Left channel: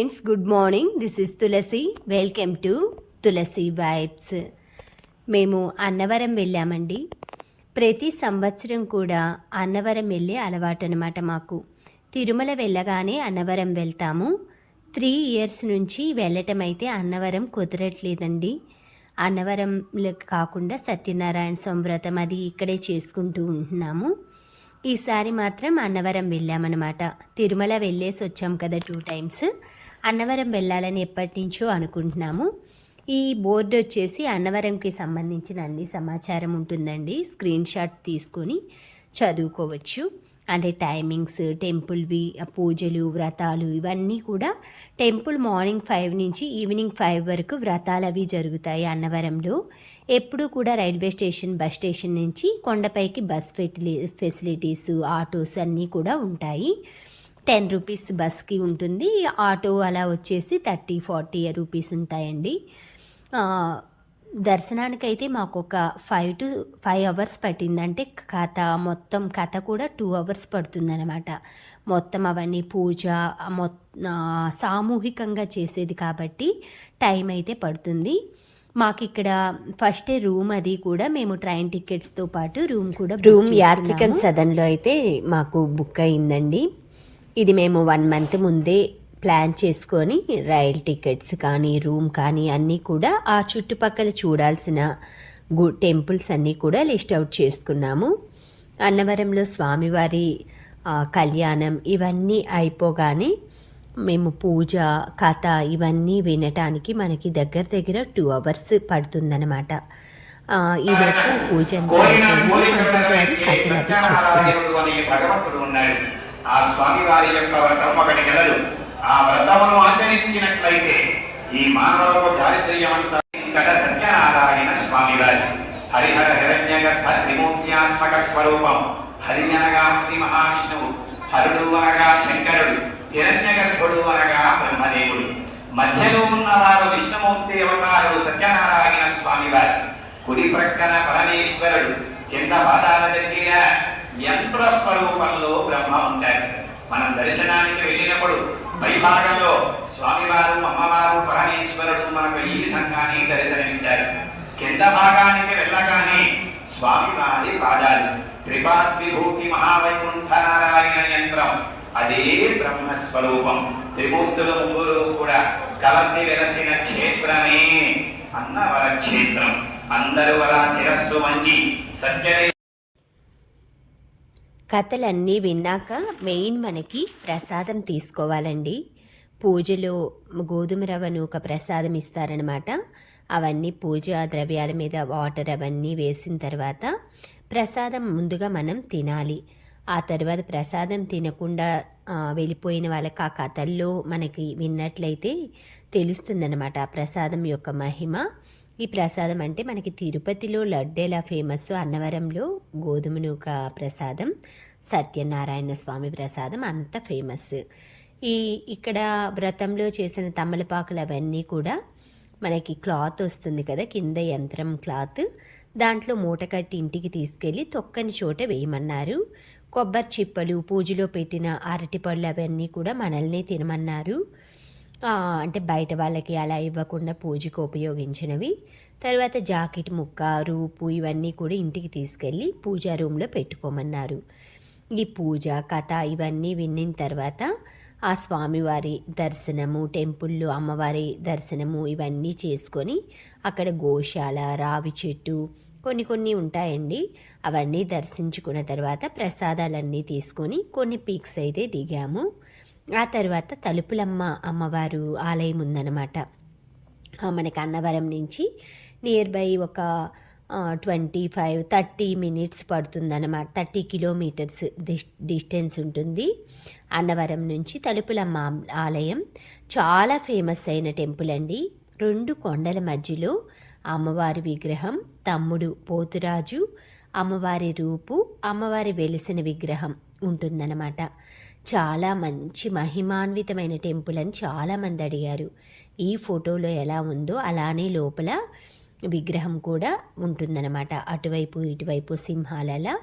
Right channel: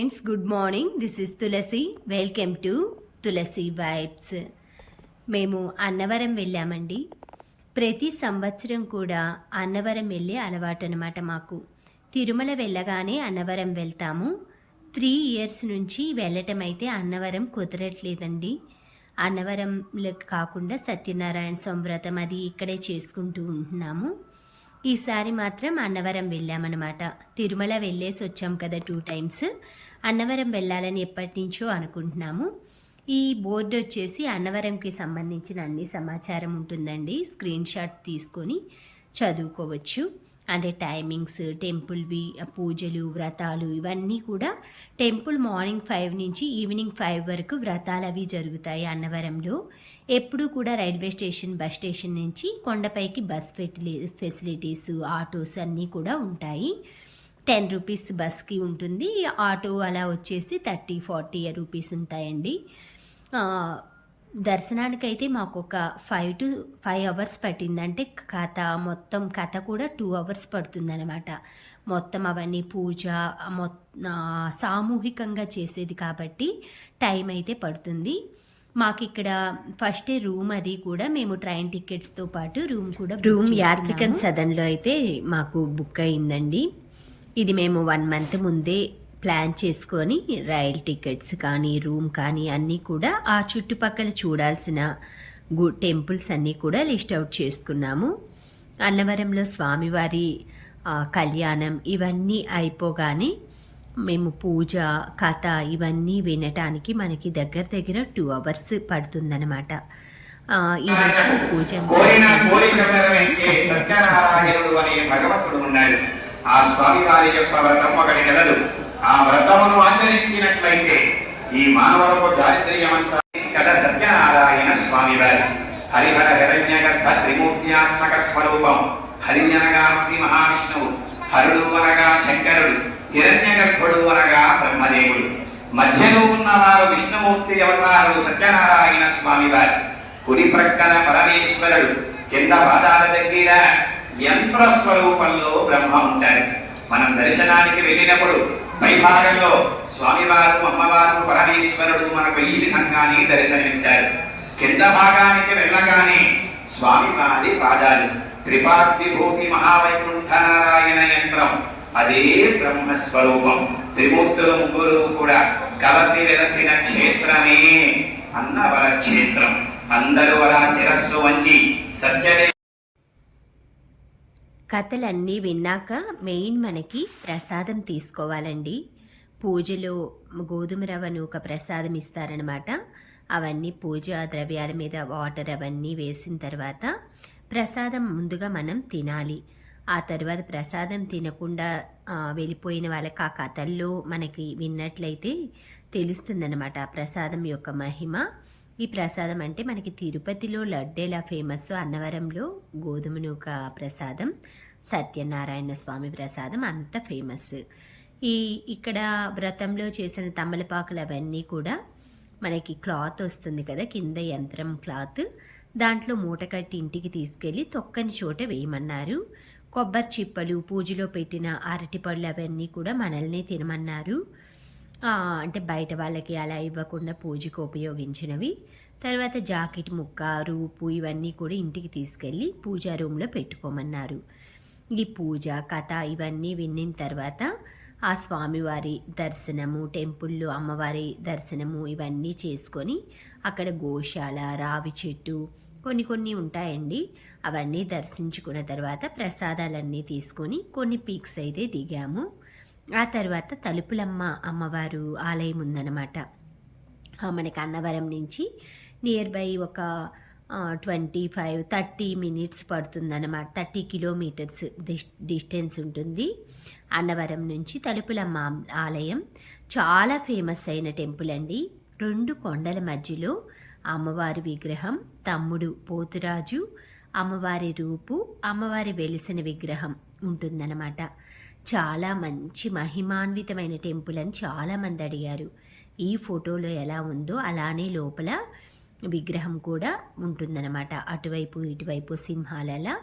Friends, good morning. This is Tulasi. Welcome to Tulasi vibes. మేము అన్నవరం వెళ్ళామండి. ప్రతి సంవత్సరం కూడా అన్నవరం వెళ్ళే అలవాటు అనమాట మాకు. తిరుమల వెళ్ళగానే అన్నవరం వెళ్తాము. 3 years నుంచి వెళ్ళటం అయితే అన్నవరం కుదరట్లేదండి. అన్నవరంలో కాకుండా సత్యనారాయణ స్వామి వ్రతం అది ఇక్కడే చేసుకుంటూ ఉంటున్నాము. ఈసారి మాత్రం అన్నవరం వెళ్ళామన్నమాట. తిరుమల వెళ్ళేసి వచ్చాం కదా 2 times. అన్నవరం వెళ్ళాలని ఎప్పటి నుంచో అనుకుంటున్నాము. ఈ బోర్డు వచ్చేసి అన్నవరంకి సంబంధించిన అన్ని సమాచారం ఉంటుందండి. స్క్రీన్ షాట్ తీసుకొని చదువుకోవచ్చు. అంటే టైమింగ్స్, టెంపుల్వి, పూజలు, వ్రతాలు ఇవన్నీ కూడా. టెంపుల్ మార్నింగ్ 5 నుంచి ఈవినింగ్ 5 వరకు వ్రతాలు అవి జరుగుతాయి అన్నవరంలో. ఎప్పుడు కూడా రైల్వే స్టేషన్, బస్ స్టేషన్ నుంచి కొండపైకి బస్ ఫెసిలిటీస్, ఆటోస్ అన్నీ కూడా ఉంటాయి. 10 rupees బస్కి ఉంటుంది. ఆటో అలా వచ్చేసి 30-40 rupees ఉంటాయండి. దర్శనానికైతే మాకు ఒక 5 to 5 hours పట్టింది. అంటే మొత్తం కథ కూడా 2 hours పడుతుందన్నమాట. మొత్తం అవన్నీ పూజ సామూహికంగా చేసేది కాబట్టి టైం అయితే పడుతుంది. మాకు ఇక్కడ ఫస్ట్ రూమ్ అది కూడా మేము ట్రైన్ టికెట్స్తో పాటు రూమ్ యాత్రికన్ సదన్లో అయితే మాకు బుక్ అయిందండి. ఇది మేము 1 month ముందే ప్లాన్ చేసుకొని రైల్ టికెట్స్ కానీ రూమ్ కానీ అన్నీ కూడా ఆ చుట్టుపక్కల చూడాల్సిన టెంపుల్స్ అన్నీ కూడా లిస్ట్ అవుట్ చేసుకున్నాము. అన్నవరంలో స్వామివారి కళ్యాణం ఇవన్నీ అయిపోగానే మేము పూజ, కథ ఇవన్నీ వినటానికి మనకి దగ్గర 2 hours పడుతుందన్నమాట. ఈలోపు పూజ ఆ స్వామి వారి యొక్క వ్రతం ఒకటి కలదు. ఆ వ్రతమును ఆచరించినట్లయితే ఈ మానవులకు దారిద్ర్యమంతా ఇక్కడ సత్యనారాయణ స్వామి గారు హరిహర హిరణ్య గర్భ త్రిమూర్త్యాత్మక స్వరూపం. హరిణనగా శ్రీ మహావిష్ణువు, హరుడు అనగా శంకరుడు, హిరణ్య గర్భుడు అనగా బ్రహ్మదేవుడు. మధ్యలో ఉన్నవారు విష్ణుమూర్తి అవతారు సత్యనారాయణ స్వామి వారు. కుడి ప్రక్కన పరమేశ్వరుడు, కింద పాదాల దగ్గర యంత్ర స్వరూపంలో బ్రహ్మ ఉంటారు. మనం దర్శనానికి వెళ్ళినప్పుడు పైభాగంలో స్వామివారు, అమ్మవారు, పరమేశ్వరుడు మనకు ఈ విధంగానే దర్శనమిస్తారు. కింద భాగానికి వెళ్ళగానే స్వామివారి పాదాలు, త్రిపాద్విభూతి మహావైకుంఠ నారాయణ యంత్రం, అదే బ్రహ్మస్వరూపం. త్రిమూర్తులు ముగ్గురు కూడా కలసి వెలసిన క్షేత్రమే అన్నవర క్షేత్రం. అందరూ అలా శిరస్సు వంచి సత్యమే. కథలన్నీ విన్నాక మెయిన్ మనకి ప్రసాదం తీసుకోవాలండి. పూజలో గోధుమ రవ్వను ఒక ప్రసాదం ఇస్తారనమాట. అవన్నీ పూజా ద్రవ్యాల మీద వాటర్ అవన్నీ వేసిన తర్వాత ప్రసాదం ముందుగా మనం తినాలి. ఆ తర్వాత ప్రసాదం తినకుండా వెళ్ళిపోయిన వాళ్ళకి ఆ కథల్లో మనకి విన్నట్లయితే తెలుస్తుందన్నమాట ఆ ప్రసాదం యొక్క మహిమ. ఈ ప్రసాదం అంటే మనకి తిరుపతిలో లడ్డు ఎలా ఫేమస్, అన్నవరంలో గోధుమ నూక ప్రసాదం, సత్యనారాయణ స్వామి ప్రసాదం అంత ఫేమస్. ఇక్కడ వ్రతంలో చేసిన తమలపాకులు అవన్నీ కూడా మనకి క్లాత్ వస్తుంది కదా, కింద యంత్రం క్లాత్, దాంట్లో మూట కట్టి ఇంటికి తీసుకెళ్ళి తొక్కని చోట వేయమన్నారు. కొబ్బరి చిప్పలు, పూజలో పెట్టిన అరటిపళ్ళు అవన్నీ కూడా మనల్నే తినమన్నారు. అంటే బయట వాళ్ళకి అలా ఇవ్వకుండా పూజకు ఉపయోగించినవి. తర్వాత జాకెట్ ముక్క, రూపు ఇవన్నీ కూడా ఇంటికి తీసుకెళ్ళి పూజా రూమ్లో పెట్టుకోమన్నారు. ఈ పూజ, కథ ఇవన్నీ విన్న తర్వాత ఆ స్వామివారి దర్శనము, టెంపుల్లో అమ్మవారి దర్శనము ఇవన్నీ చేసుకొని అక్కడ గోశాల, రావి చెట్టు కొన్ని ఉంటాయండి. అవన్నీ దర్శించుకున్న తర్వాత ప్రసాదాలన్నీ తీసుకొని కొన్ని పిక్స్ అయితే దిగాము. ఆ తర్వాత తలుపులమ్మ అమ్మవారు ఆలయం ఉందన్నమాట. మనకి అన్నవరం నుంచి నియర్ బై ఒక 25-30 minutes పడుతుందన్నమాట. 30 kilometers డిస్టెన్స్ ఉంటుంది అన్నవరం నుంచి. తలుపులమ్మ ఆలయం చాలా ఫేమస్ అయిన టెంపుల్ అండి. 2 కొండల మధ్యలో అమ్మవారి విగ్రహం, తమ్ముడు పోతురాజు, అమ్మవారి రూపు, అమ్మవారి వెలిసిన విగ్రహం ఉంటుందన్నమాట. చాలా మంచి మహిమాన్వితమైన టెంపుల్ అని చాలామంది అడిగారు. ఈ ఫోటోలో ఎలా ఉందో అలానే లోపల విగ్రహం కూడా ఉంటుందన్నమాట. అటువైపు ఇటువైపు సింహాలలా.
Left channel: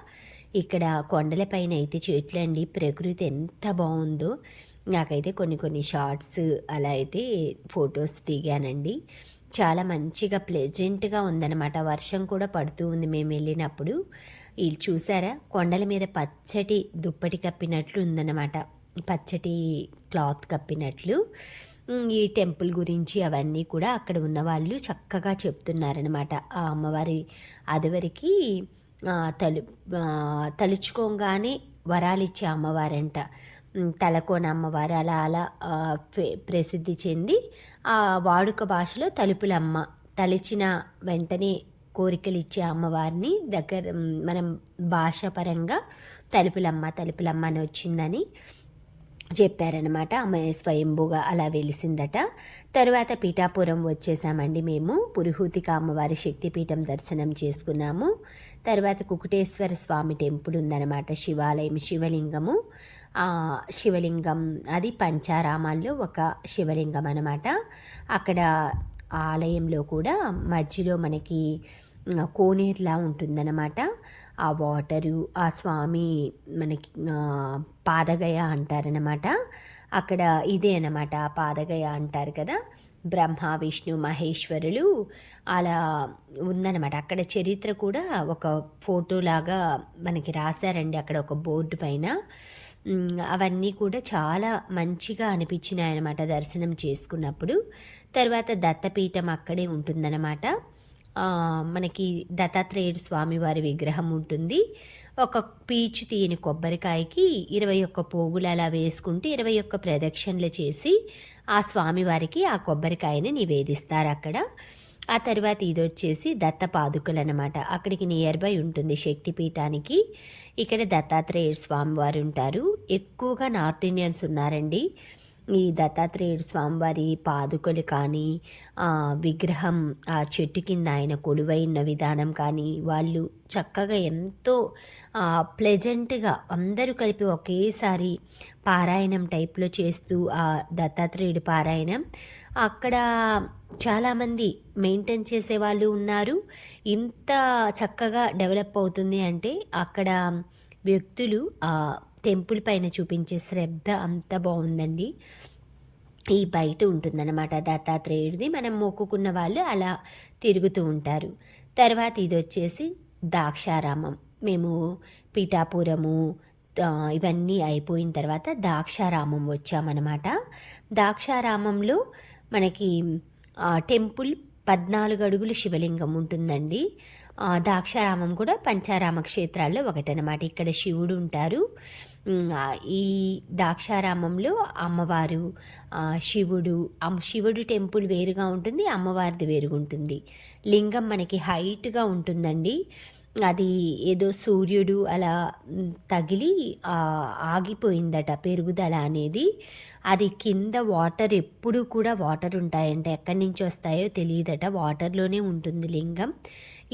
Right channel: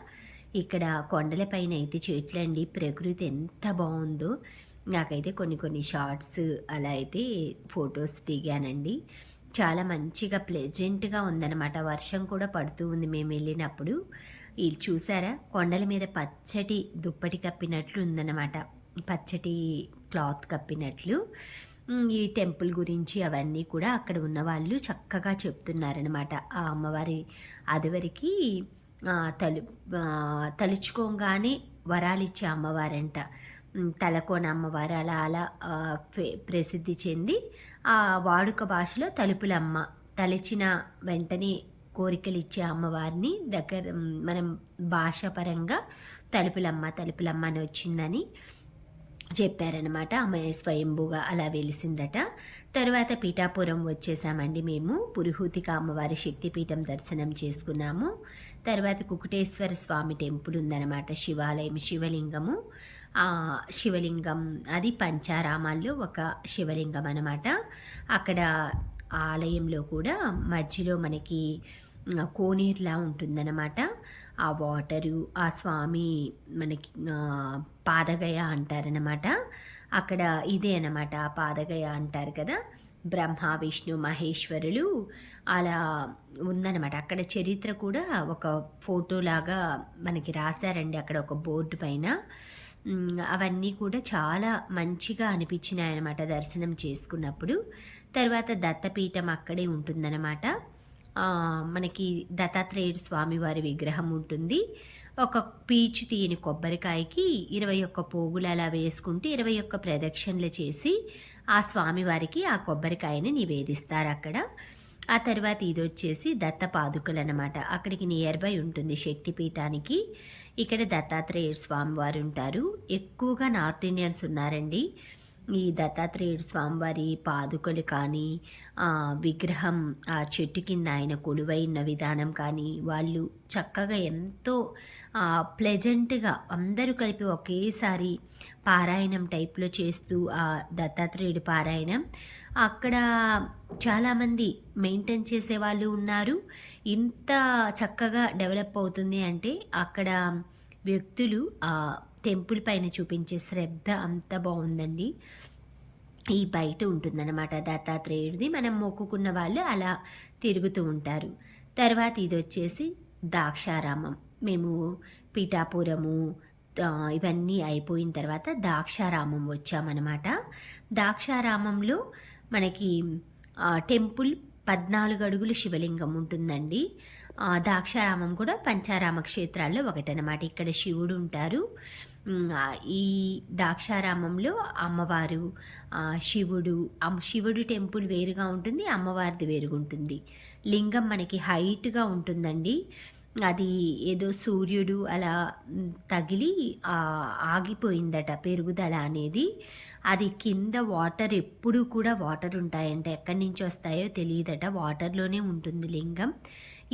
ఇక్కడ కొండలపైన అయితే చెట్లండి, ప్రకృతి ఎంత బాగుందో. నాకైతే కొన్ని షార్ట్స్ అలా అయితే ఫొటోస్ దిగానండి. చాలా మంచిగా ప్లెజెంట్గా ఉందన్నమాట. వర్షం కూడా పడుతూ ఉంది మేము వెళ్ళినప్పుడు. ఇది చూసారా, కొండల మీద పచ్చటి దుప్పటి కప్పినట్లు ఉందన్నమాట, పచ్చటి క్లాత్ కప్పినట్లు. ఈ టెంపుల్ గురించి అవన్నీ కూడా అక్కడ ఉన్న వాళ్ళు చక్కగా చెప్తున్నారనమాట. ఆ అమ్మవారి అదివరికి తలుచుకోగానే వరాలిచ్చే అమ్మవారంట. తలకోన అమ్మవారు అలా అలా ప్రసిద్ధి చెంది ఆ వాడుక భాషలో తలుపులమ్మ, తలిచిన వెంటనే కోరికలు ఇచ్చే అమ్మవారిని దగ్గర మనం భాషాపరంగా తలుపులమ్మ అని వచ్చిందని చెప్పారనమాట. ఆమె స్వయంభూగా అలా వెలిసిందట. తర్వాత పీఠాపురం వచ్చేసామండి మేము. పురుహూతిక అమ్మవారి శక్తిపీఠం దర్శనం చేసుకున్నాము. తర్వాత కుకుటేశ్వర స్వామి టెంపుల్ ఉందన్నమాట, శివాలయం, శివలింగము. శివలింగం అది పంచారామాల్లో ఒక శివలింగం అనమాట. అక్కడ ఆలయంలో కూడా మధ్యలో మనకి కోనేరులా ఉంటుందన్నమాట. ఆ వాటరు, ఆ స్వామి మనకి పాదగయ అంటారనమాట. అక్కడ ఇదే అనమాట, ఆ పాదగయ అంటారు కదా, బ్రహ్మ విష్ణు మహేశ్వరులు అలా ఉందన్నమాట. అక్కడ చరిత్ర కూడా ఒక ఫోటోలాగా మనకి రాశారండి అక్కడ ఒక బోర్డు పైన. అవన్నీ కూడా చాలా మంచిగా అనిపించినాయి అనమాట దర్శనం చేసుకున్నప్పుడు. తర్వాత దత్తపీఠం అక్కడే ఉంటుందన్నమాట. మనకి దత్తాత్రేయుడు స్వామివారి విగ్రహం ఉంటుంది. ఒక పీచు తీయని కొబ్బరికాయకి 21 పోగులు అలా వేసుకుంటే 21 ప్రదక్షిణలు చేసి ఆ స్వామివారికి ఆ కొబ్బరికాయని నివేదిస్తారు అక్కడ. ఆ తర్వాత ఇది వచ్చేసి దత్త పాదుకలు అనమాట. అక్కడికి నియర్ బై ఉంటుంది శక్తిపీఠానికి. ఇక్కడ దత్తాత్రేయుడు స్వామివారు ఉంటారు. ఎక్కువగా నార్త్ ఇండియన్స్ ఉన్నారండి. ఈ దత్తాత్రేయుడు స్వామివారి పాదుకలు కానీ, విగ్రహం ఆ చెట్టు కింద ఆయన కొలువైన విధానం కానీ, వాళ్ళు చక్కగా ఎంతో ప్లెజెంట్గా అందరూ కలిపి ఒకేసారి పారాయణం టైప్లో చేస్తూ ఆ దత్తాత్రేయుడు పారాయణం అక్కడ చాలామంది మెయింటైన్ చేసే వాళ్ళు ఉన్నారు. ఇంత చక్కగా డెవలప్ అవుతుంది అంటే అక్కడ వ్యక్తులు ఆ టెంపుల్ పైన చూపించే శ్రద్ధ అంత బాగుందండి. ఈ బయట ఉంటుందన్నమాట దత్తాత్రేయుడిది. మనం మొక్కుకున్న వాళ్ళు అలా తిరుగుతూ ఉంటారు. తర్వాత ఇది వచ్చేసి ద్రాక్షారామం. మేము పీఠాపురము ఇవన్నీ అయిపోయిన తర్వాత ద్రాక్షారామం వచ్చామన్నమాట. ద్రాక్షారామంలో మనకి టెంపుల్ 14 అడుగుల శివలింగం ఉంటుందండి. ద్రాక్షారామం కూడా పంచారామ క్షేత్రాల్లో ఒకటనమాట. ఇక్కడ శివుడు ఉంటారు. ఈ ద్రాక్షారామంలో అమ్మవారు, శివుడు టెంపుల్ వేరుగా ఉంటుంది, అమ్మవారిది వేరుగా ఉంటుంది. లింగం మనకి హైట్గా ఉంటుందండి. అది ఏదో సూర్యుడు అలా తగిలి ఆగిపోయిందట పెరుగుదల అనేది. అది కింద వాటర్ ఎప్పుడు కూడా వాటర్ ఉంటాయంట, ఎక్కడి నుంచి వస్తాయో తెలియదట, వాటర్లోనే ఉంటుంది లింగం.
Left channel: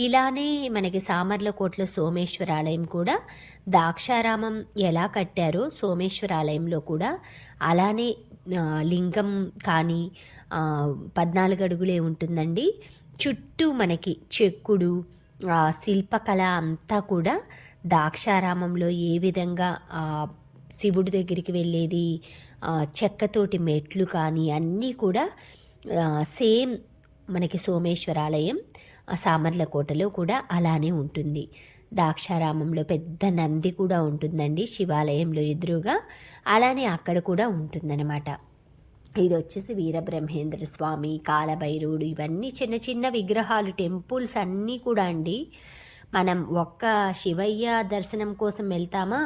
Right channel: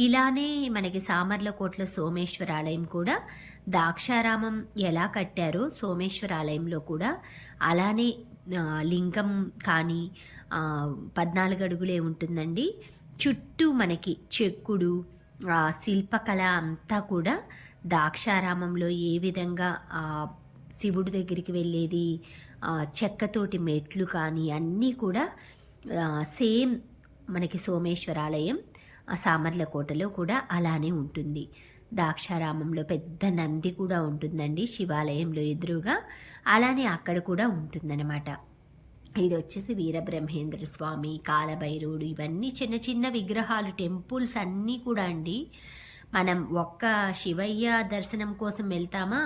ఇలానే మనకి సామర్లకోటలో సోమేశ్వర ఆలయం కూడా ద్రాక్షారామం ఎలా కట్టారో సోమేశ్వర ఆలయంలో కూడా అలానే లింగం కానీ 14 అడుగులే ఉంటుందండి. చుట్టూ మనకి చెక్కుడు శిల్పకళ అంతా కూడా ద్రాక్షారామంలో ఏ విధంగా శివుడి దగ్గరికి వెళ్ళేది, చెక్కతోటి మెట్లు కానీ అన్నీ కూడా సేమ్ మనకి సోమేశ్వరాలయం సామర్లకోటలో కూడా అలానే ఉంటుంది. ద్రాక్షారామంలో పెద్ద నంది కూడా ఉంటుందండి శివాలయంలో ఎదురుగా, అలానే అక్కడ కూడా ఉంటుందన్నమాట. ఇది వచ్చేసి వీరబ్రహ్మేంద్ర స్వామి, కాలభైరవుడు, ఇవన్నీ చిన్న చిన్న విగ్రహాలు, టెంపుల్స్ అన్నీ కూడా అండి. మనం ఒక్క శివయ్య దర్శనం కోసం వెళ్తామా,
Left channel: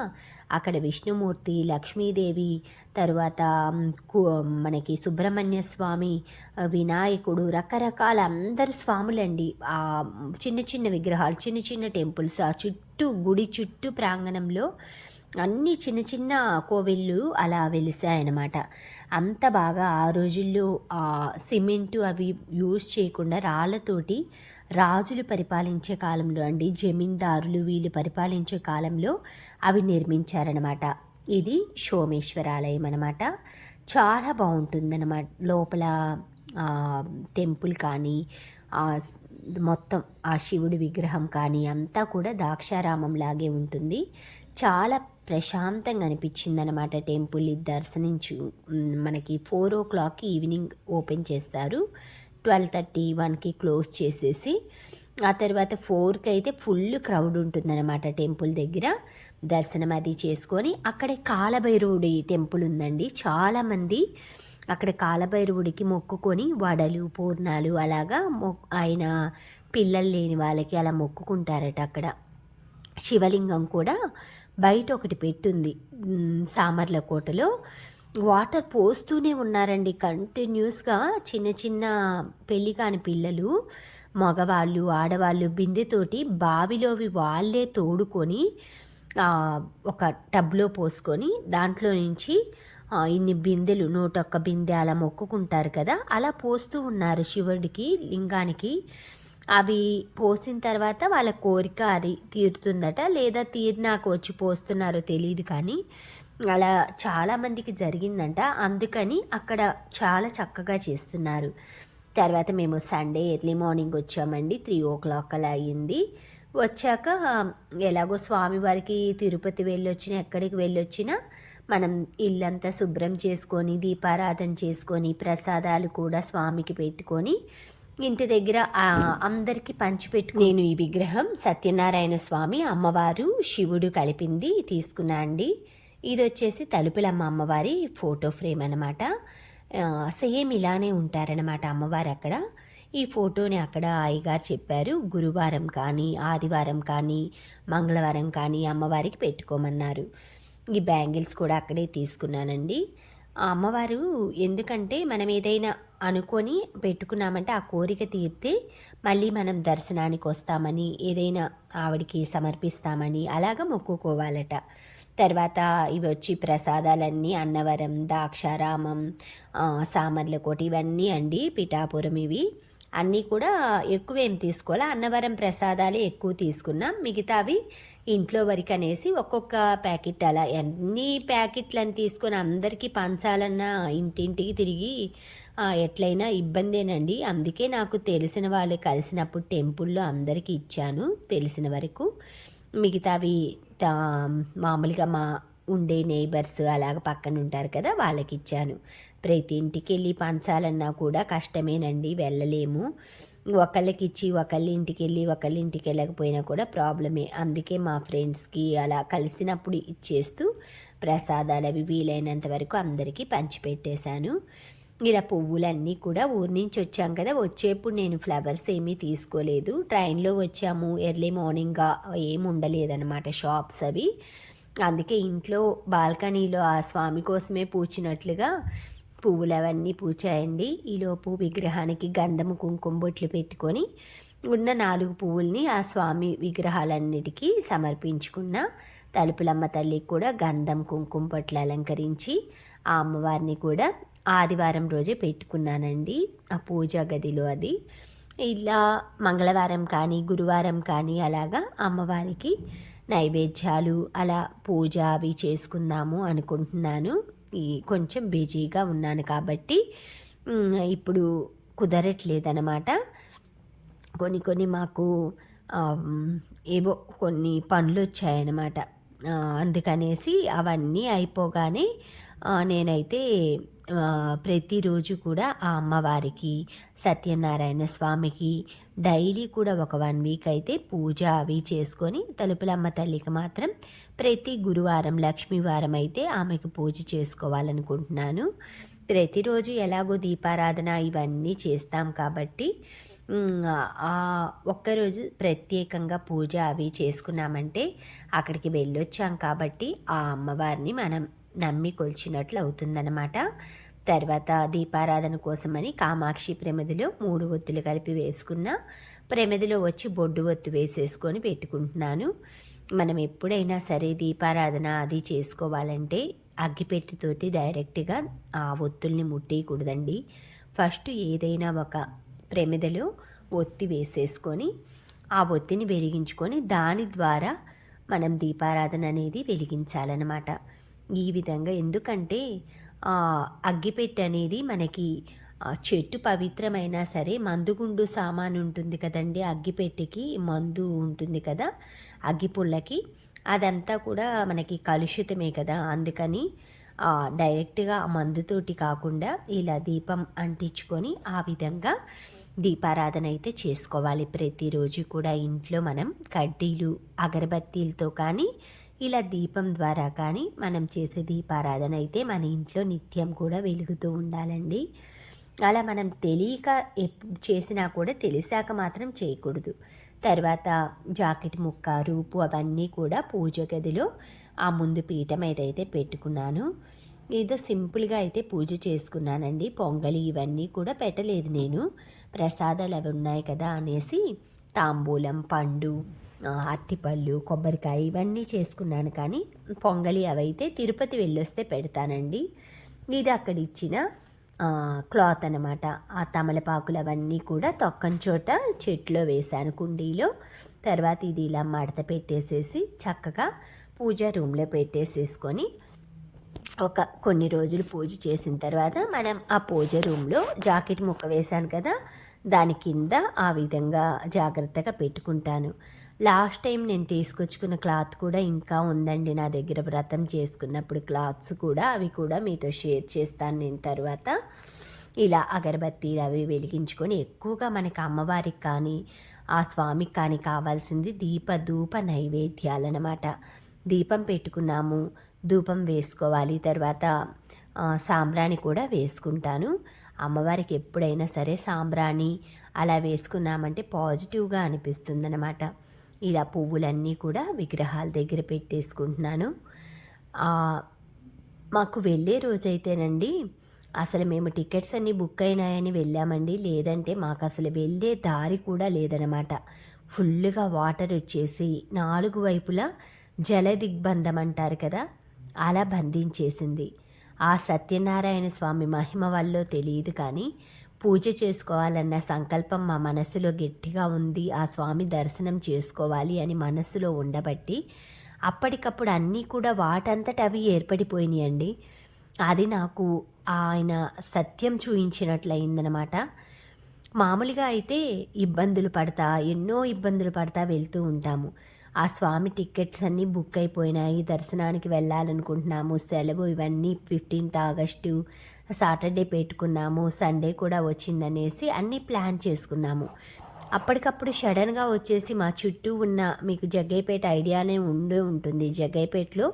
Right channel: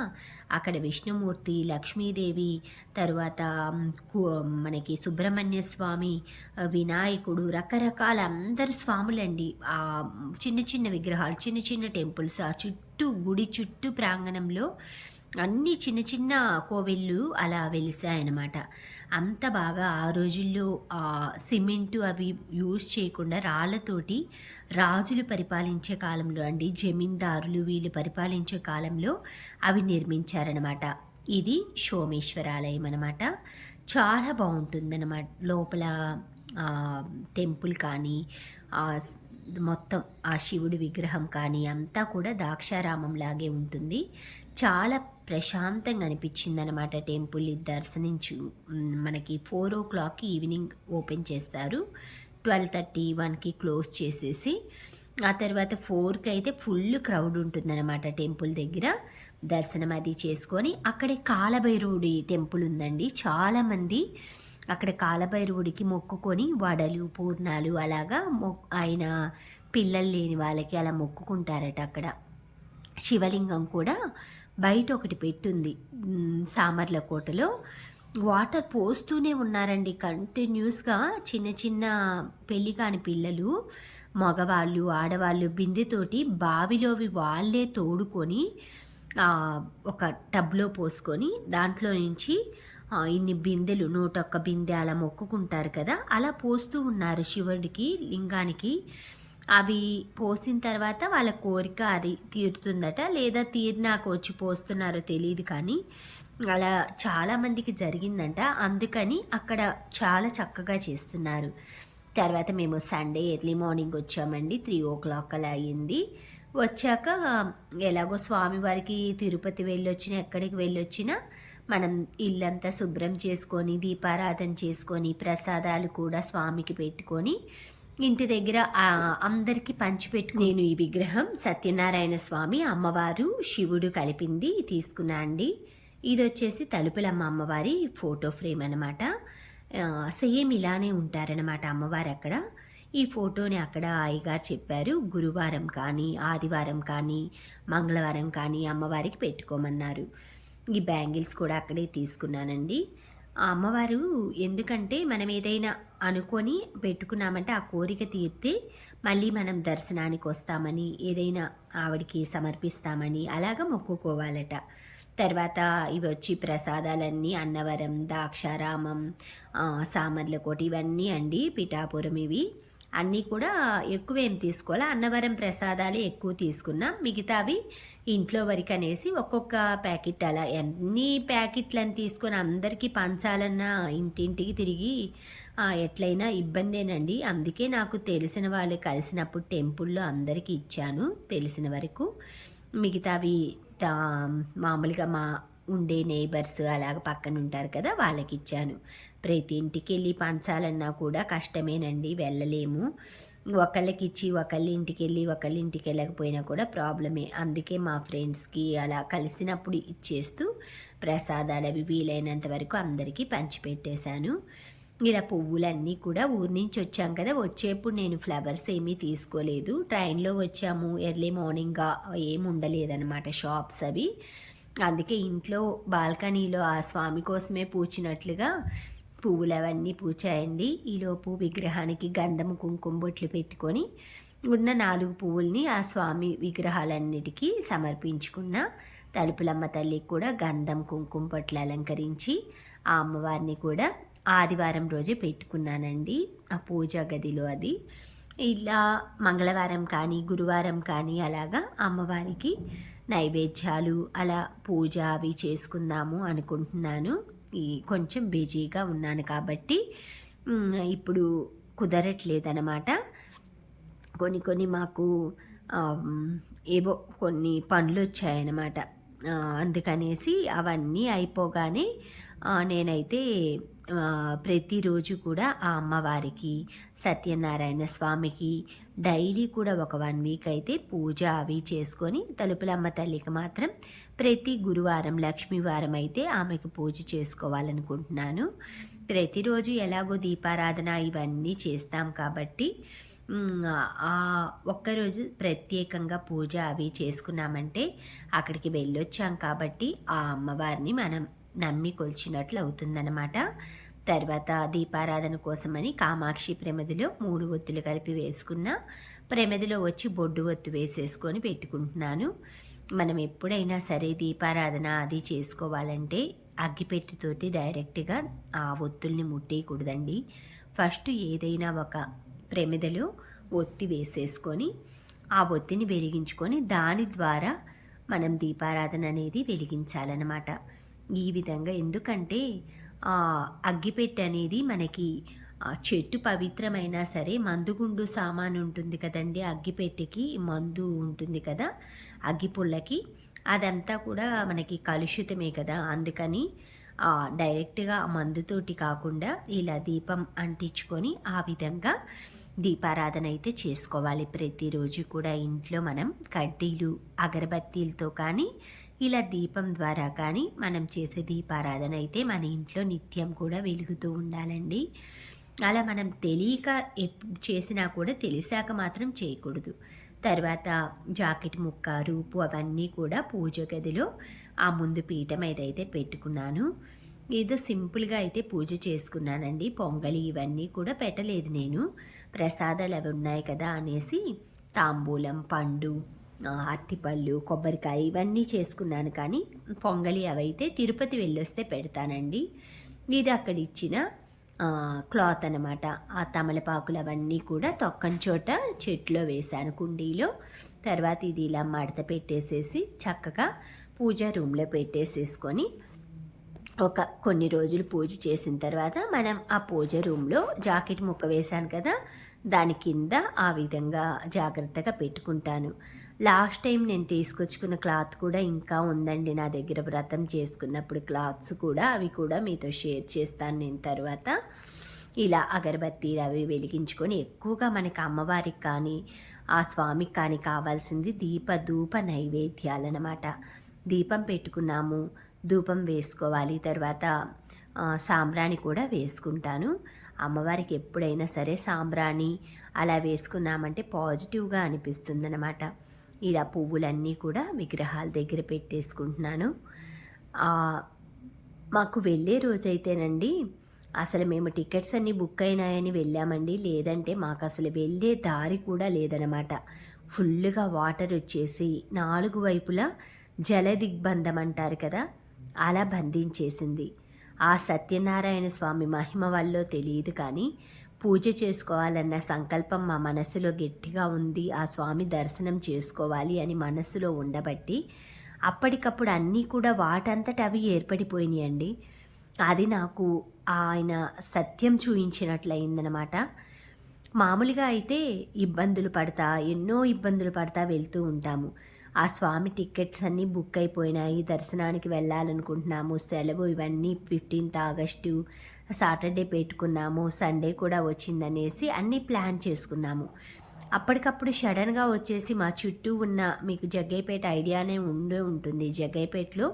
అక్కడ విష్ణుమూర్తి, లక్ష్మీదేవి, తరువాత మనకి సుబ్రహ్మణ్య స్వామి, వినాయకుడు, రకరకాల అందరు స్వాములండి. ఆ చిన్న చిన్న విగ్రహాలు, చిన్న చిన్న టెంపుల్స్, ఆ చుట్టూ గుడి చుట్టూ ప్రాంగణంలో అన్ని చిన్న చిన్న కోవిళ్ళు అలా వెలిసాయన్నమాట. అంత బాగా ఆ రోజుల్లో సిమెంటు అవి యూజ్ చేయకుండా రాళ్లతోటి రాజులు పరిపాలించే కాలంలో అండి, జమీందారులు వీళ్ళు పరిపాలించే కాలంలో అవి నిర్మించారనమాట. ఇది సోమేశ్వరాలయం అనమాట. చాలా బాగుంటుందన్నమాట. లోపల టెంపుల్ కానీ మొత్తం ఆ శివుడి విగ్రహం కానీ అంతా కూడా ద్రాక్షారామం లాగే ఉంటుంది. చాలా ప్రశాంతంగా అనిపించింది అనమాట టెంపుల్ దర్శనించి. మనకి 4 o'clock ఈవినింగ్ ఓపెన్ చేస్తారు, 12:30, 1కి క్లోజ్ చేసేసి ఆ తర్వాత 4కి అయితే ఫుల్ క్రౌడ్ ఉంటుందన్నమాట టెంపుల్ దగ్గర. దర్శనం అది చేసుకొని అక్కడే కాలభైరవుడి టెంపుల్ ఉందండి. చాలామంది అక్కడ కాలభైరవుడికి మొక్కుకొని వడలు పూర్ణాలు అలాగా ఆయన పిల్లలు లేని వాళ్ళకి అలా మొక్కుకుంటారట. అక్కడ శివలింగం కూడా బయట ఒకటి పెట్టుంది సామర్లకోటలో. వాటర్ పోస్తూనే ఉన్నారండి కంటిన్యూస్గా. చిన్న చిన్న పెళ్ళి కాని పిల్లలు, మగవాళ్ళు, ఆడవాళ్ళు బిందెతోటి బావిలోవి వాళ్ళే తోడుకొని ఒక టబ్లో పోసుకొని దాంట్లో నుంచి ఇన్ని బిందెలు 101 బిందె అలా మొక్కుకుంటారు కదా, అలా పోస్తూ ఉన్నారు శివుడికి లింగానికి. అవి పోసిన తర్వాత వాళ్ళ కోరిక అది తీరుతుందట, లేదా తీరినాక వచ్చి పోస్తున్నారో తెలియదు, కానీ అలా చాలామందికి జరిగిందంట. అందుకని అక్కడ చాలా చక్కగా చేస్తున్నారు. తర్వాత మేము సండే ఎర్లీ మార్నింగ్ వచ్చామండి. 3 o'clock అలా అయ్యింది. వచ్చాక ఎలాగో స్వామివారికి తిరుపతి వెళ్ళొచ్చినా ఎక్కడికి వెళ్ళొచ్చినా మనం ఇల్లంతా శుభ్రం చేసుకొని దీపారాధన చేసుకొని ప్రసాదాలు కూడా స్వామికి పెట్టుకొని ఇంటి దగ్గర అందరికీ పంచిపెట్టు. నేను ఈ విగ్రహం సత్యనారాయణ స్వామి, అమ్మవారు, శివుడు కలిపింది తీసుకున్నా అండి. ఇది వచ్చేసి తలుపులమ్మ అమ్మవారి ఫోటో ఫ్రేమ్ అనమాట. సేమ్ ఇలానే ఉంటారనమాట అమ్మవారు అక్కడ. ఈ ఫోటోని అక్కడ అయ్యగారు చెప్పారు, గురువారం కానీ ఆదివారం కానీ మంగళవారం కానీ అమ్మవారికి పెట్టుకోమన్నారు. ఈ బ్యాంగిల్స్ కూడా అక్కడే తీసుకున్నానండి. ఆ అమ్మవారు ఎందుకంటే మనం ఏదైనా అనుకొని పెట్టుకున్నామంటే ఆ కోరిక తీరితే మళ్ళీ మనం దర్శనానికి వస్తామని, ఏదైనా ఆవిడికి సమర్పిస్తామని అలాగా మొక్కుకోవాలట. తర్వాత ఇవి వచ్చి ప్రసాదాలన్నీ అన్నవరం, ద్రాక్షారామం, సామర్లకోట ఇవన్నీ అండి, పిఠాపురం ఇవి అన్నీ కూడా ఎక్కువేం తీసుకోవాలి. అన్నవరం ప్రసాదాలే ఎక్కువ తీసుకున్నాం, మిగతావి ఇంట్లో వరకు అనేసి ఒక్కొక్క ప్యాకెట్ అలా ఎన్ని ప్యాకెట్లను తీసుకొని అందరికీ పంచాలన్నా ఇంటింటికి తిరిగి ఎట్లయినా ఇబ్బందేనండి. అందుకే నాకు తెలిసిన వాళ్ళు కలిసినప్పుడు టెంపుల్లో అందరికీ ఇచ్చాను తెలిసిన వరకు. మిగతావి మామూలుగా మా ఉండే నైబర్స్ అలాగ పక్కన ఉంటారు కదా, వాళ్ళకి ఇచ్చాను. ప్రతి ఇంటికి వెళ్ళి పంచాలన్నా కూడా కష్టమేనండి, వెళ్ళలేము. ఒకళ్ళకి ఇచ్చి ఒకళ్ళ ఇంటికి వెళ్ళి ఒకళ్ళ ఇంటికి వెళ్ళకపోయినా కూడా ప్రాబ్లమే. అందుకే మా ఫ్రెండ్స్కి అలా కలిసినప్పుడు ఇచ్చేస్తూ ప్రసాదాలు అవి వీలైనంత వరకు అందరికీ పంచిపెట్టేశాను. ఇలా పువ్వులన్నీ కూడా ఊరి నుంచి వచ్చాం కదా, వచ్చేప్పుడు నేను ఫ్లవర్స్ ఏమీ తీసుకోలేదు. ట్రైన్లో వచ్చాము, ఎర్లీ మార్నింగ్గా ఏమి ఉండలేదన్నమాట షాప్స్ అవి. అందుకే ఇంట్లో బాల్కనీలో ఆ స్వామి కోసమే పూచినట్లుగా పువ్వులు అవన్నీ పూచాయండి. ఈలోపు విగ్రహానికి గంధము కుంకుమ బొట్లు పెట్టుకొని ఉన్న 4 పువ్వుల్ని ఆ స్వామి విగ్రహాలన్నిటికీ సమర్పించుకున్న. తలుపులమ్మ తల్లికి కూడా గంధం కుంకుమ బొట్లు అలంకరించి ఆ అమ్మవారిని కూడా ఆదివారం రోజే పెట్టుకున్నానండి ఆ పూజా గదిలో. అది ఇలా మంగళవారం కానీ గురువారం కానీ అలాగా అమ్మవారికి నైవేద్యాలు అలా పూజ అవి చేసుకుందాము అనుకుంటున్నాను. కొంచెం బిజీగా ఉన్నాను కాబట్టి ఇప్పుడు కుదరట్లేదన్నమాట. కొన్ని మాకు ఏవో కొన్ని పనులు వచ్చాయన్నమాట. అందుకనేసి అవన్నీ అయిపోగానే నేనైతే ప్రతిరోజు కూడా ఆ అమ్మవారికి, సత్యనారాయణ స్వామికి డైలీ కూడా ఒక 1 వీక్ అయితే పూజ అవి చేసుకొని, తలుపులమ్మ తల్లికి మాత్రం ప్రతి గురువారం లక్ష్మీవారం అయితే ఆమెకు పూజ చేసుకోవాలనుకుంటున్నాను. ప్రతిరోజు ఎలాగో దీపారాధన ఇవన్నీ చేస్తాం కాబట్టి ఒక్కరోజు ప్రత్యేకంగా పూజ అవి చేసుకున్నామంటే అక్కడికి వెళ్ళొచ్చాం కాబట్టి ఆ అమ్మవారిని మనం నమ్మి కొలిచినట్లు అవుతుందన్నమాట. తర్వాత దీపారాధన కోసమని కామాక్షి ప్రమిదిలో 3 ఒత్తులు కలిపి వేసుకున్న, ప్రమిదిలో వచ్చి బొడ్డు ఒత్తు వేసేసుకొని పెట్టుకుంటున్నాను. మనం ఎప్పుడైనా సరే దీపారాధన అది చేసుకోవాలంటే అగ్గిపెట్టితోటి డైరెక్ట్గా ఆ ఒత్తుల్ని ముట్టేయకూడదండి. ఫస్ట్ ఏదైనా ఒక ప్రమిదలో ఒత్తి వేసేసుకొని ఆ ఒత్తిని వెలిగించుకొని దాని ద్వారా మనం దీపారాధన అనేది వెలిగించాలన్నమాట. ఈ విధంగా ఎందుకంటే అగ్గిపెట్టె అనేది మనకి చెట్టు పవిత్రమైనా సరే మందుగుండు సామాను ఉంటుంది కదండి, అగ్గిపెట్టెకి మందు ఉంటుంది కదా అగ్గిపుల్లకి, అదంతా కూడా మనకి కలుషితమే కదా, అందుకని డైరెక్ట్గా ఆ మందుతోటి కాకుండా ఇలా దీపం అంటించుకొని ఆ విధంగా దీపారాధన అయితే చేసుకోవాలి. ప్రతిరోజు కూడా ఇంట్లో మనం కడ్డీలు అగరబత్తీలతో కానీ ఇలా దీపం ద్వారా కానీ మనం చేసే దీపారాధన అయితే మన ఇంట్లో నిత్యం కూడా వెలుగుతూ ఉండాలండి. అలా మనం తెలియక ఎప్పుడు చేసినా కూడా తెలిసాక మాత్రం చేయకూడదు. తర్వాత జాకెట్ ముక్క రూపు అవన్నీ కూడా పూజ గదిలో ఆ ముందు పీఠం ఏదైతే పెట్టుకున్నాను, ఏదో సింపుల్గా అయితే పూజ చేసుకున్నానండి. పొంగలి ఇవన్నీ కూడా పెట్టలేదు నేను. ప్రసాదాలు అవి ఉన్నాయి కదా అనేసి తాంబూలం, పండు, అరటిపళ్ళు, కొబ్బరికాయ ఇవన్నీ చేసుకున్నాను. కానీ పొంగలి అవైతే తిరుపతి వెళ్ళొస్తే పెడతానండి. ఇది అక్కడ ఇచ్చిన క్లాత్ అనమాట. ఆ తమలపాకులు అవన్నీ కూడా తొక్కని చోట చెట్లో వేశాను కుండీలో. తర్వాత ఇది ఇలా మడత పెట్టేసేసి చక్కగా పూజా రూమ్లో పెట్టేసేసుకొని కొన్ని రోజులు పూజ చేసిన తర్వాత మనం ఆ పూజ రూమ్లో జాకెట్ ముక్క వేశాను కదా, దాని కింద ఆ విధంగా జాగ్రత్తగా పెట్టుకుంటాను. లాస్ట్ టైం నేను తీసుకొచ్చుకున్న క్లాత్ కూడా ఇంకా ఉందండి నా దగ్గర, వ్రతం చేసుకున్నప్పుడు క్లాత్స్ కూడా, అవి కూడా మీతో షేర్ చేస్తాను నేను తర్వాత. ఇలా అగరబత్తీలు అవి వెలిగించుకొని ఎక్కువగా మనకి అమ్మవారికి కానీ ఆ స్వామికి కానీ కావాల్సింది ధూప నైవేద్యాలన్నమాట. దీపం పెట్టుకున్నాము, ధూపం వేసుకోవాలి, తర్వాత సాంబ్రాణి కూడా వేసుకుంటాను. అమ్మవారికి ఎప్పుడైనా సరే సాంబ్రాణి అలా వేసుకున్నామంటే పాజిటివ్గా అనిపిస్తుందన్నమాట. ఇలా పువ్వులన్నీ కూడా విగ్రహాల దగ్గర పెట్టేసుకుంటున్నాను. మాకు వెళ్ళే రోజైతేనండి అసలు మేము టికెట్స్ అన్నీ బుక్ అయినాయని వెళ్ళామండి, లేదంటే మాకు అసలు వెళ్ళే దారి కూడా లేదనమాట. ఫుల్గా వాటర్ వచ్చేసి 4 వైపులా జల దిగ్బంధం అంటారు కదా, అలా బంధించేసింది. ఆ సత్యనారాయణ స్వామి మహిమ వల్ల తెలియదు కానీ పూజ చేసుకోవాలన్న సంకల్పం మా మనసులో గట్టిగా ఉంది. ఆ స్వామి దర్శనం చేసుకోవాలి అని మనసులో ఉండబట్టి అప్పటికప్పుడు అన్నీ కూడా వాటంతట అవి ఏర్పడిపోయినాయండి. అది నాకు ఆయన సత్యం చూయించినట్లయిందనమాట. మామూలుగా అయితే ఎన్నో ఇబ్బందులు పడతా వెళ్తూ ఉంటాము. ఆ స్వామి టికెట్స్ అన్నీ బుక్ అయిపోయినాయి, దర్శనానికి వెళ్ళాలనుకుంటున్నాము, సెలవు ఇవన్నీ 15th ఆగస్టు సాటర్డే పెట్టుకున్నాము, సండే కూడా వచ్చిందనేసి అన్నీ ప్లాన్ చేసుకున్నాము. అప్పటికప్పుడు సడన్గా వచ్చేసి మా చుట్టూ ఉన్న, మీకు జగ్గయ్యపేట ఐడియానే ఉండే ఉంటుంది, జగ్గయ్యపేటలో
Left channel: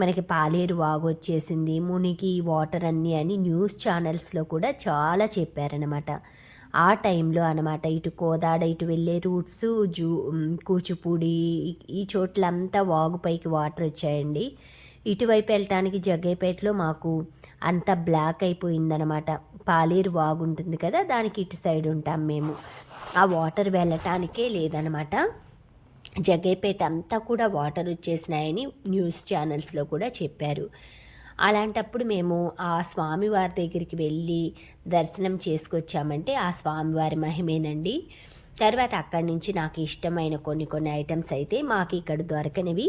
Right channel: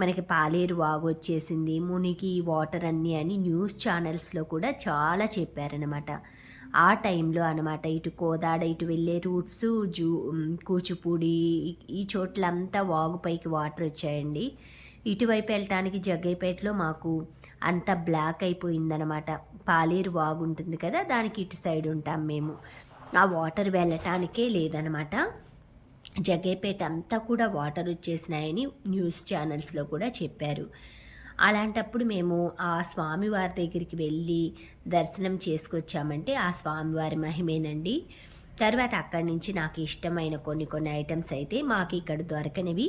మనకి పాలేరు వాగు వచ్చేసింది, మునిగి వాటర్ అన్నీ అని న్యూస్ ఛానల్స్లో కూడా చాలా చెప్పారనమాట. ఆ టైంలో అనమాట ఇటు కోదాడ ఇటు వెళ్ళే రూట్స్ కూచిపూడి ఈ చోట్లంతా వాగుపైకి వాటర్ వచ్చాయండి. ఇటువైపు వెళ్ళటానికి జగ్గయ్యపేటలో మాకు అంత బ్లాక్ అయిపోయిందనమాట. పాలేరు వాగు ఉంటుంది కదా, దానికి ఇటు సైడ్ ఉంటాం మేము. ఆ వాటర్ వెళ్ళటానికే లేదనమాట. జగ్గయ్యపేట అంతా కూడా వాటర్ వచ్చేసినాయని న్యూస్ ఛానల్స్లో కూడా చెప్పారు. అలాంటప్పుడు మేము ఆ స్వామివారి దగ్గరికి వెళ్ళి దర్శనం చేసుకొచ్చామంటే ఆ స్వామివారి మహిమేనండి. తర్వాత అక్కడి నుంచి నాకు ఇష్టమైన కొన్ని ఐటమ్స్ అయితే మాకు ఇక్కడ దొరకనివి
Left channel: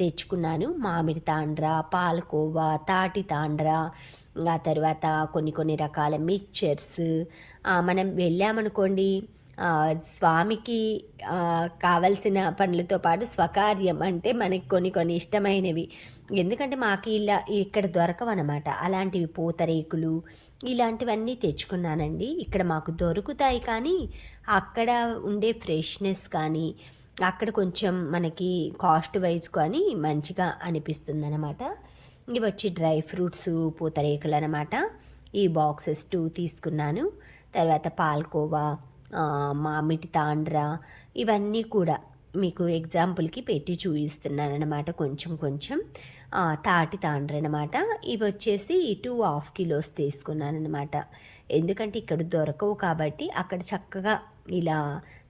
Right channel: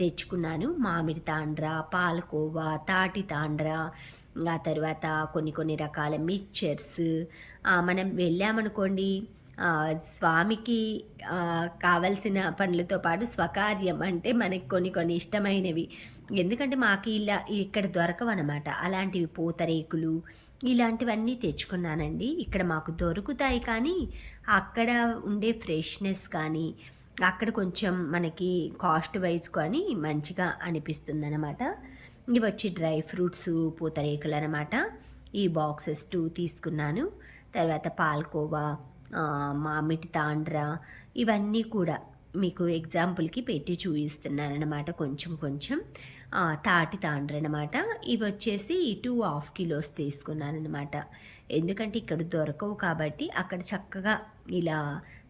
తెచ్చుకున్నాను. మామిడి తాండ్ర, పాలకోవా, తాటి తాండ్ర, ఆ తర్వాత కొన్ని రకాల మిక్చర్స్. మనం వెళ్ళామనుకోండి, స్వామికి కావలసిన పనులతో పాటు స్వకార్యం అంటే మనకి కొన్ని ఇష్టమైనవి, ఎందుకంటే మాకు ఇలా ఇక్కడ దొరకవన్నమాట. అలాంటివి పూతరేకులు ఇలాంటివన్నీ తెచ్చుకున్నానండి. ఇక్కడ మాకు దొరుకుతాయి కానీ అక్కడ ఉండే ఫ్రెష్నెస్ కానీ అక్కడ కొంచెం మనకి కాస్ట్ వైజ్ కానీ మంచిగా అనిపిస్తుంది అనమాట. ఇవి వచ్చి డ్రై ఫ్రూట్స్ పూతరేకులు అనమాట. ఈ బాక్సెస్ 2 తీసుకున్నాను. తర్వాత పాల్కోవా, మామిడి తాండ్ర ఇవన్నీ కూడా మీకు ఎగ్జాంపుల్కి పెట్టి చూపిస్తున్నాను అనమాట. కొంచెం తాటి తాండ్ర అనమాట. ఇవి వచ్చేసి 2.5 kilos తీసుకున్నాను అనమాట. ఎందుకంటే ఇక్కడ దొరకవు కాబట్టి అక్కడ చక్కగా ఇలా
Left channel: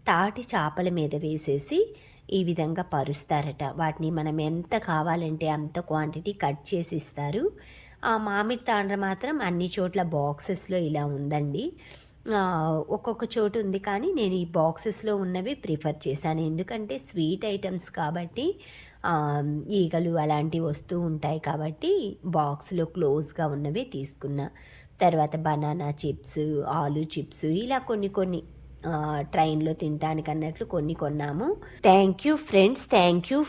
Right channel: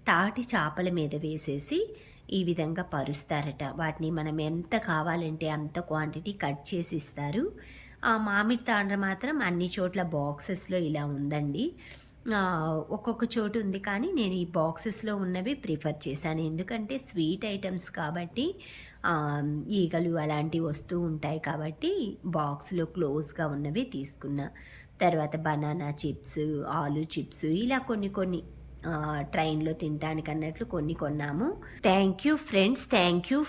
తాటి చేపల మీద వేసేసి ఈ విధంగా పరుస్తారట. వాటిని మనం ఎంత కావాలంటే అంత క్వాంటిటీ కట్ చేసి ఇస్తారు. ఆ మామిడి తాండ్ర మాత్రం అన్ని చోట్ల బాక్సెస్లో ఇలా ఉందండి. ఒక్కొక్క చోటు ఉంది కానీ నేను ఈ బాక్సెస్లో ఉన్నవి ప్రిఫర్ చేశాను. ఎందుకంటే స్వీట్ ఐటమ్స్ కాబట్టి ఈగలు అలాంటివి వస్తూ ఉంటాయి కాబట్టి బాక్స్లో క్లోజ్గా ఉన్నవి తీసుకున్నా. తర్వాత బనానా చిప్స్, ఆలు చిప్స్ ఇలా కొన్ని ట్రైన్లో తినడానికి అన్నట్లు కొన్ని కొన్నాము. Thank you friends, thank you.